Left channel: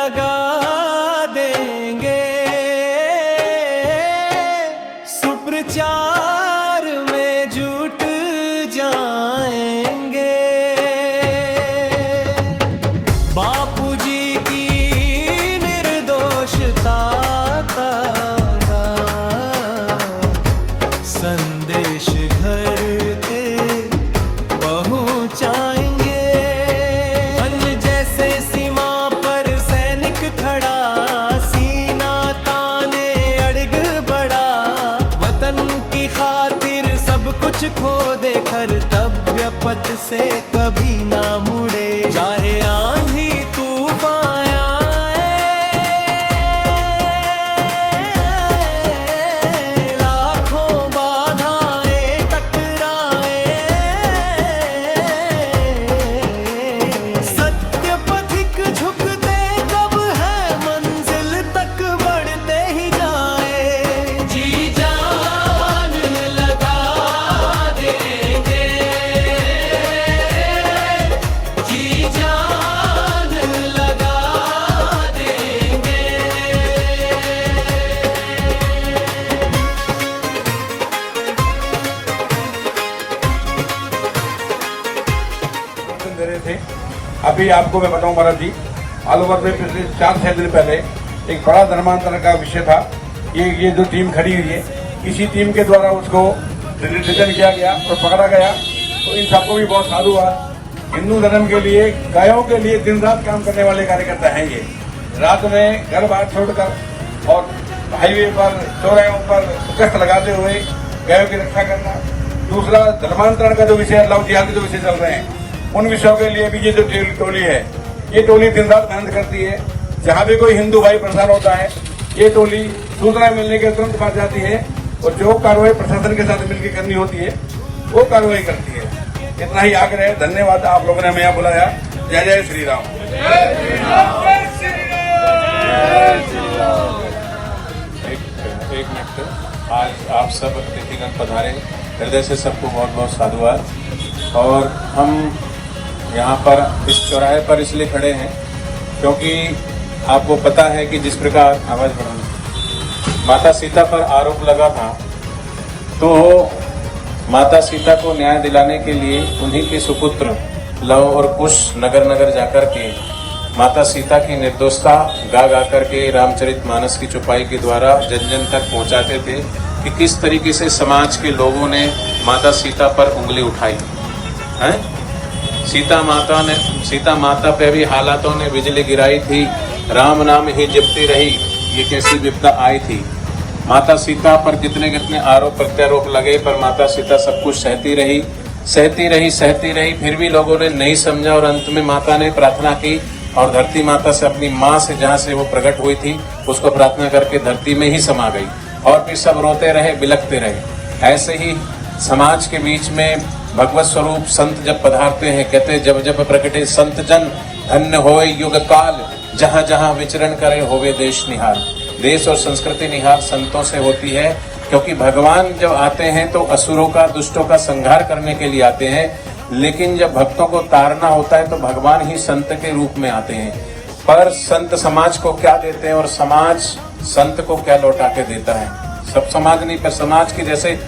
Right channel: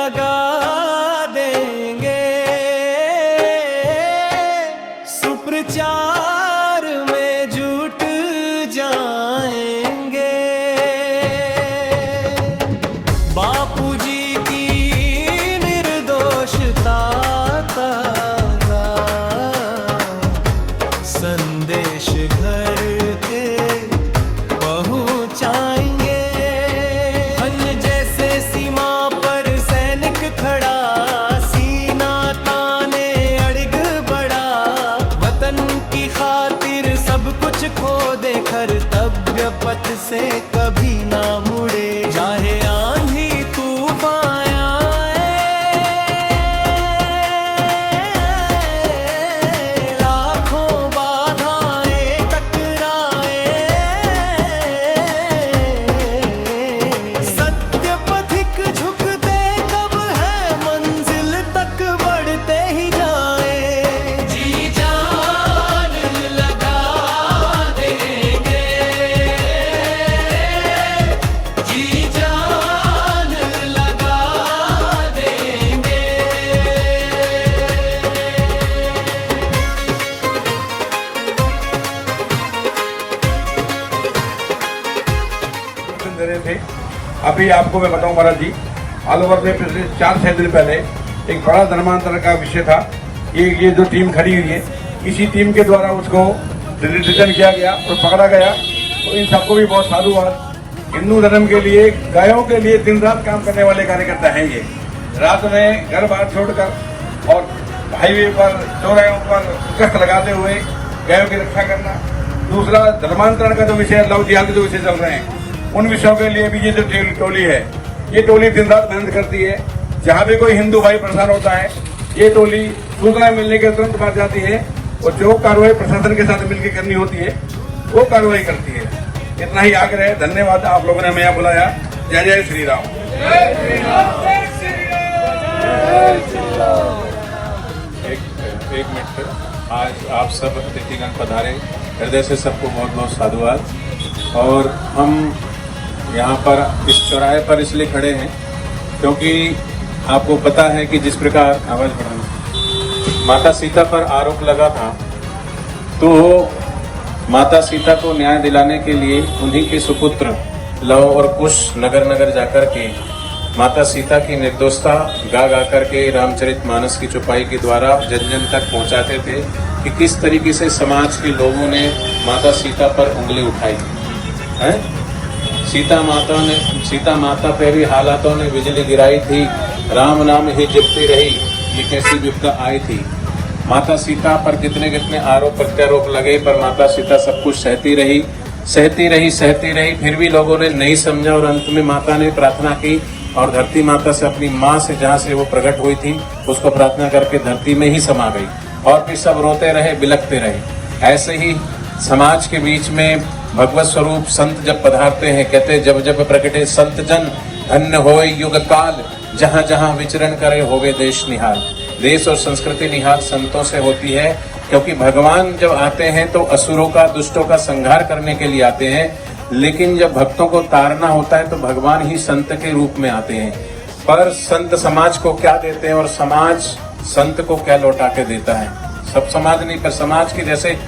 लगा देंगे, सुप्रचार में जुट जाएंगे। बापूजी की निर्दोषता का संदेश घर के पहुंचाएंगे। अन्न जैसे सीमा पर सैनिक खड़ा, सीना ताने अड़ग बढ़ा, वतन की खातिर सब कुछ खो दे, कर्तव्य पथ से कभी ना मुड़े। चाहे आंधी तूफान आए, लाखों बाधाएं टकराए, सत्य पथिक झुकते कब है, मंजिल तक बढ़ते ही जाए। जी जान लगा देंगे, जी जान लगा देंगे। दे रहे थे। अभी आपको मैं बताऊं महाराज जी, ऑल ओवर में पिछले 4-6 दिन पहले एक बड़ा धर्मांतरण का विषय था। ये जो टीम खड़ी हुई है, इसी टीम के द्वारा उसको डिटेन किया गया और पकड़ा गया। तो इन सबको भी बहुत साधुवाद। हिंदू धर्म के लिए, गायों के लिए दिन रात काम करने वाले कार्यकर्ता हैं ये। रात में घर बाहर छोड़कर और हाईवे पर, चौराहों पर गश्त लगाते हुए गायों की रक्षा करना। दूसरा, धर्मांतरण का जो विषय, लव जिहाद के जो विषय चल रहे हैं, उन विषयों के लिए भी ये जो टोली है, ये टोली दिन रात मेहनत करती है। जहाँ भी कोई हिंदू भाई परेशान होता है, ये टोली सूचना मिलने के तुरंत पहुंच जाती है और जो कार्रवाई प्रशासन के साथ मिलकर करनी होती है वो कार्रवाई करती है। इतना ही आग्रह है। धन्यवाद, आप लोगों ने हमें यहाँ बुलाया। जय जय श्री राम। एक मिनट, आज आप सब अतिथिगण पधारे, हृदय से सबको बहुत बहुत साधुवाद। और हम यहाँ पर इस चौराहे पर इसलिए खड़े हैं क्योंकि आपको पता है कि जिस प्रकार आवाज बढ़ाना, माता सीता पर आरोप लगा था, तो माता सीता को न्याय दिलाने के लिए उन्हीं के सुपुत्र लव और कुश नगर नगर जाकर के माता सीता की निर्दोषता गा गा करके रामचरितमानस की चौपाई के द्वारा जन जन तक पहुंचाते थे कि किस तरीके से समाज के लोगों ने माता सीता पर उंगली उठाई है। सीता माता पे भी हालातों ने बिजली गिराई थी, राम नाम ही जपती रही, ये कैसी विपदा आई थी। माता सीता पर कितने कितने आरोप प्रत्यारोप लगे, पर माता सीता सब कुछ सहती रही। फिर भी लोगों ने नहीं समझा और अंत में माता ने प्रार्थना की और धरती माता से, अपनी माँ से, जहाँ से वो प्रकट हुई थी, उसको प्रार्थना करके धरती में ही समा गई। और फिर सब रोते रहे, बिलखते रहे। ऐसे ही समाज के बीच में भगवत स्वरूप संत जब पधारते हैं, कहते जब जब प्रकटे संत जन, धन्य होए युग काल, जहाँ जहाँ विचरण करे होवे देश निहाल। देश और संस्कृति निहाल संतों से होती है, क्योंकि भगवान जब आते हैं तो असुरों का, दुष्टों का संहार करने के लिए आते हैं, लेकिन जब भक्तों को तारना होता है तो भगवान ही संत के रूप में आते हैं। पर संत समाज को क्या देते हैं और समाज संत को क्या लौटा के देता है? सब समाज नहीं, पर समाज की, जैसे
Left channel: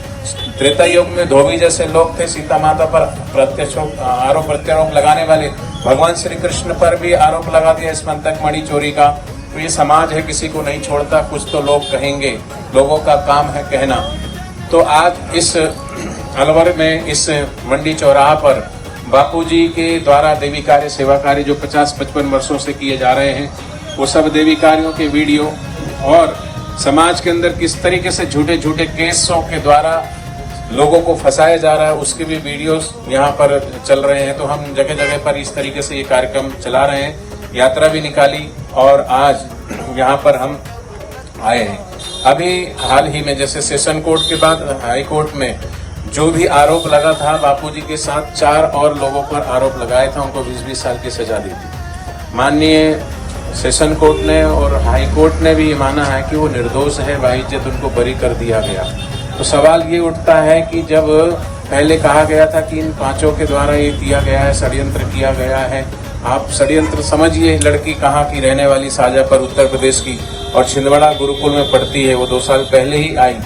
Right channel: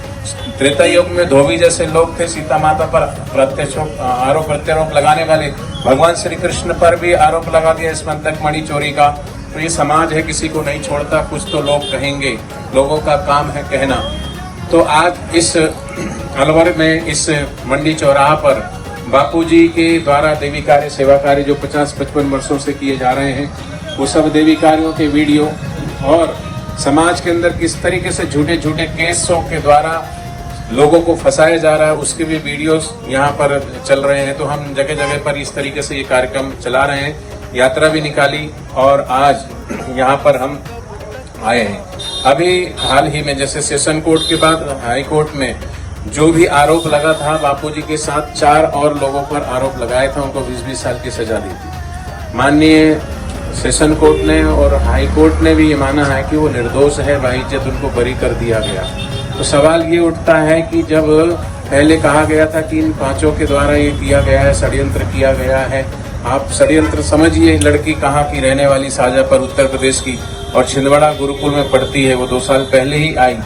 त्रेता युग में धोबी जैसे लोग थे, सीता माता पर आरोप प्रत्यारोप लगाने वाले, भगवान श्री कृष्ण पर भी आरोप लगा दिया इस मंतक मणि चोरी का। तो ये समाज है, किसी को नहीं छोड़ता, कुछ तो लोग कहेंगे, लोगों का काम है कहना। तो आज इस अलवर में, इस मंडी चौराहा पर बापूजी के द्वारा देवी कार्य, सेवा कार्य जो 50-55 वर्षों से किए जा रहे हैं, वो सब देवी कार्यों के वीडियो और समाज के अंदर किस तरीके से झूठे झूठे केसों के द्वारा लोगों को फंसाया जा रहा है, उसके भी वीडियोस यहाँ पर चल रहे हैं। तो हम जगह जगह पर इस तरीके से ये कार्यक्रम चला रहे हैं, यात्रा भी निकाली और आज यहाँ पर हम आए हैं। अभी हाल ही में, जैसे सेशन कोर्ट के बाद हाई कोर्ट में जो भी आरोप लगा था, बापूजी के साथ 4 और लोगों पर आरोप लगाया था, उनको 20-20 साल की सजा दी थी। माननीय सेशन कोर्ट ने और हाई कोर्ट ने भी ये माना है कि वो निर्दोष है, बाइज्जत उनको बरी कर दिया गया। तो सवाल ये उठता है कि जब पहले कहा गया था कि इन 5 के द्वारा ये किया गया है, षड्यंत्र किया गया है, आप षड्यंत्र समझिए। लड़की कहाँ की रहने वाली, शाजापुर उत्तर प्रदेश की, और छिंदवाड़ा गुरुकुल में पढ़ती है। वो 2 साल पहले ही आई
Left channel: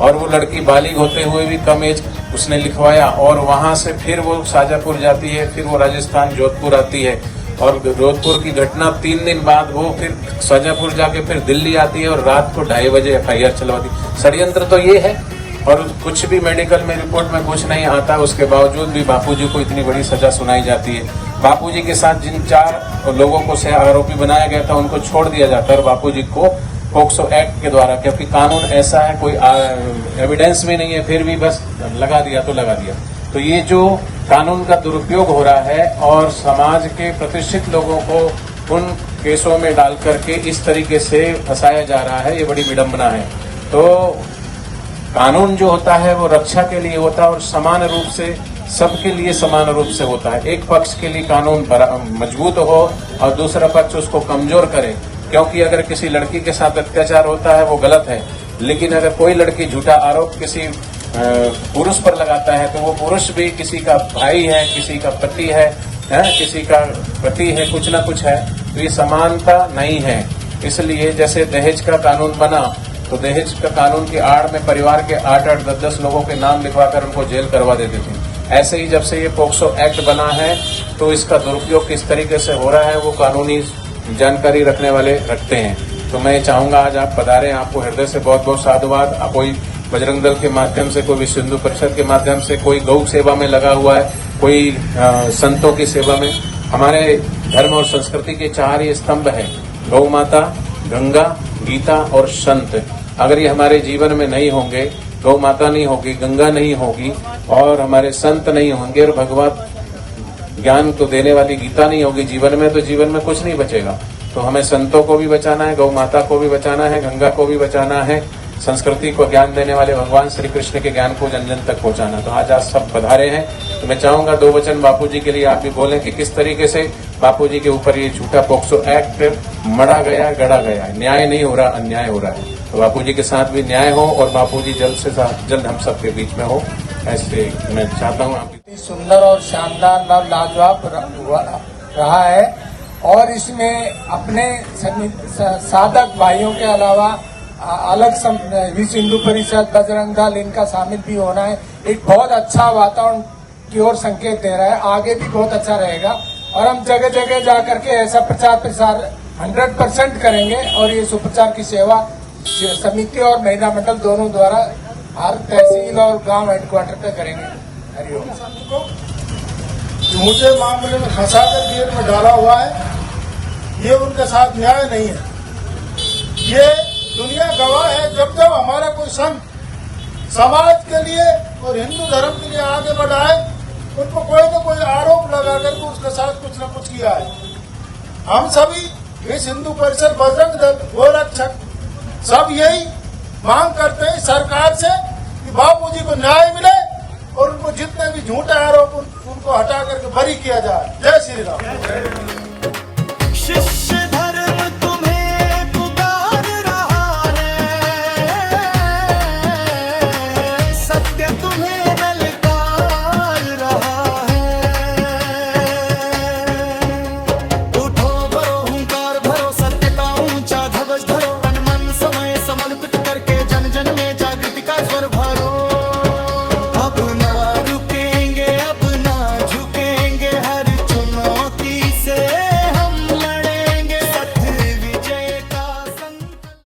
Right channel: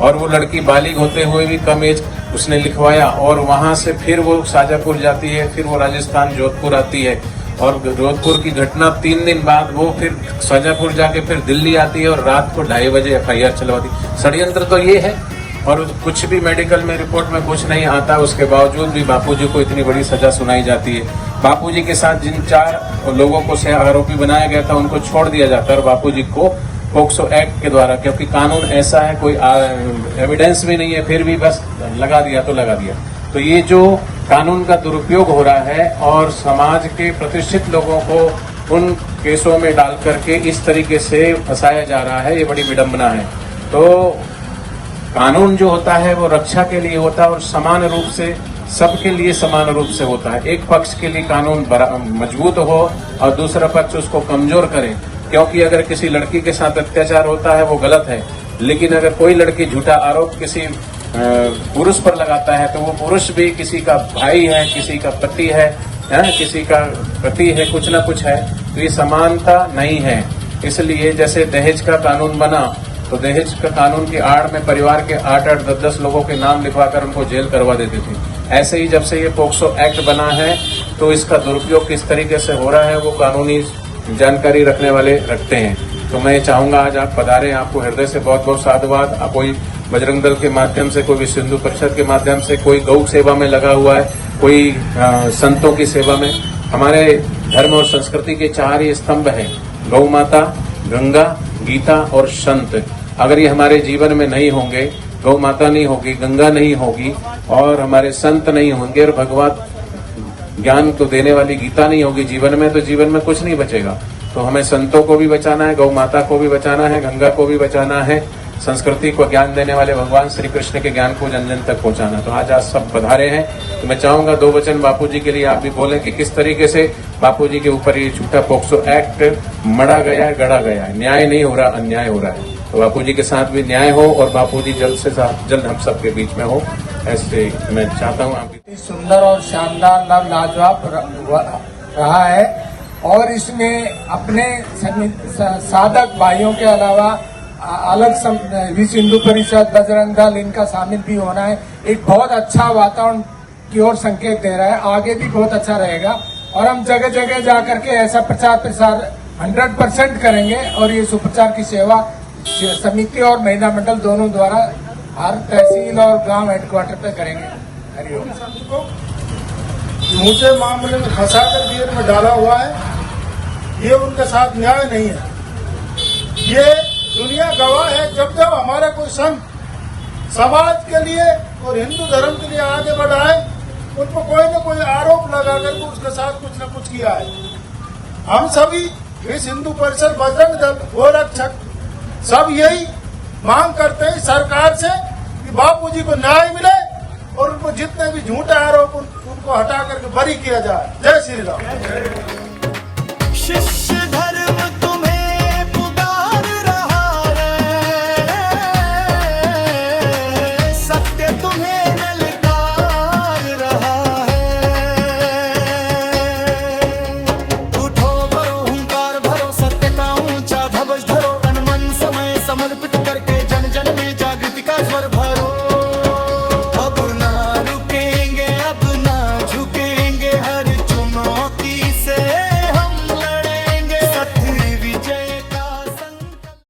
और वो लड़की बालिग होते हुए भी कम एज उसने लिखवाया, और वहां से फिर वो शाजापुर जाती है, फिर वो राजस्थान जोधपुर आती है, और जोधपुर की घटना 3 दिन बाद वो फिर शाजापुर जाके फिर दिल्ली आती है और रात को 2:30 बजे FIR चलवाती। षड्यंत्र तो ये है। और कुछ भी मेडिकल में रिपोर्ट में कुछ नहीं आता, उसके बावजूद भी बापूजी को इतनी बड़ी सजा सुनाई जाती है। बापूजी के साथ जिन 4 लोगों को से आरोपी बनाया गया था उनको छोड़ दिया जाता है, और बापूजी को पोक्सो एक्ट के द्वारा, क्योंकि कानून ऐसा है, कोई एविडेंस भी नहीं है, फिर भी बस लगा दिया तो लगा दिया। तो ये जो कानून का दुरुपयोग हो रहा है और समाज के प्रतिष्ठित लोगों को उन केसों में डाल करके इस तरीके से फंसाया जा रहा है, ये बड़ी विडंबना है। तो कानून जो होता है वो रक्षा के लिए होता है और समान रूप से सबके लिए समान रूप से होता है। एक पक्ष के लिए कानून मजबूत हो और दूसरा पक्ष उसको कमजोर करे, क्योंकि अगर किसी लड़की के साथ अत्याचार होता है वो गलत है, लेकिन अगर कोई लड़की झूठा आरोप किसी पुरुष पर लगाता है तो वो पुरुष भी किसी का भाई है, किसी का पति है, किसी का पति है, कुछ ना कुछ है। तो ये समानता नहीं है। इसलिए जैसे दहेज का कानून बना तो दहेज का कानून की आड़ में परिवार के 8-8, 10-10 लोगों के नाम लिखवाकर उनको जेल करवा देते थे। ऐसे ही जब से ये पोक्सो एक्ट बना है तो इसका दुरुपयोग किस तरीके से हो रहा है वो कानूनी जानकारी रखने वाले रखते हैं। तो मैं चाहूंगा आज आप पधारें, आपको हृदय से बहुत बहुत साधुवाद। कोई बजरंग दल के माध्यम से, कोई विश्व हिंदू परिषद के माध्यम से, कोई गौ सेवा में लगा हुआ है, कोई संतों की सेवा में। हमारे धर्म और संस्कृति के 4 ही स्तंभ हैं, गौ माता, गंगा, गीता और संत। अगर ये हमारे जीवन में नहीं होंगे, गौ माता नहीं होगी, गंगा नहीं होगी और हमारे संत नहीं होंगे और भगवत ज्ञान को देने वाली गीता नहीं होगी जीवन में, तो जीवन में कुछ नहीं बचेगा। तो हमें संतों को भी बचाना है, गौ माता को भी बचाना है, गंगा को भी बचाना है, संस्कृति को ज्ञान देने वाले भगवान श्री कृष्ण के ज्ञान को जन जन तक पहुंचाना। तो आज सब पधारे हैं। तो मैं चाहूंगा 2 वचन बापूजी के लिए आप भी बोलें कि किस तरीके से बापूजी के ऊपर ये झूठा पोक्सो एक्ट मढ़ा गया है, गढ़ा गया है। न्याय नहीं हो रहा, अन्याय हो रहा है। तो बापूजी के साथ भी न्याय हो और बापूजी जल्द से जल्द हम सबके बीच में हो, ऐसे मैं चाहता हूँ। आपकी सुंदर और शानदार लाजवाब रहा है और इसमें अपने साधक भाइयों के अलावा अलग विश्व हिंदू परिषद, बजरंग दल, इनका शामिल भी होना है। एक बहुत अच्छा वातावरण की ओर संकेत दे रहा है। आगे भी बहुत अच्छा रहेगा और हम जगह जगह जाकर के ऐसा प्रचार प्रसार 100% करेंगे और ये सुप्रचार की सेवा समिति और महिला मंडल दोनों द्वारा हर तहसील और गांव हेडक्वार्टर पे करेंगे। हरिओम। मुझे मामले में फंसाकर जेल में डाला हुआ है, ये उनके साथ न्याय नहीं है। ये दुनिया गवाह है, जब जब हमारा कोई संत समाज के लिए और हिंदू धर्म के लिए आगे बढ़ा है, उनको कोई न कोई आरोप लगा करके उसके साथ कुछ न कुछ किया है। हम सभी विश्व हिंदू परिषद, बजरंग दल, गोरक्षक सब यही मांग करते हैं सरकार से कि बापूजी को न्याय मिले और उनको जितने भी झूठे आरोप उनको हटा करके बरी किया जाए। जय श्री राम। शिष्य धर्म तुम्हें पुकार रहा है, सत्य तुम्हें ललकार रहा है। उठो भरो हुंकार भरो, सत्य का ऊंचा ध्वज धरो, तन मन समय समर्पित करके जन जन में जागृति का स्वर भरो।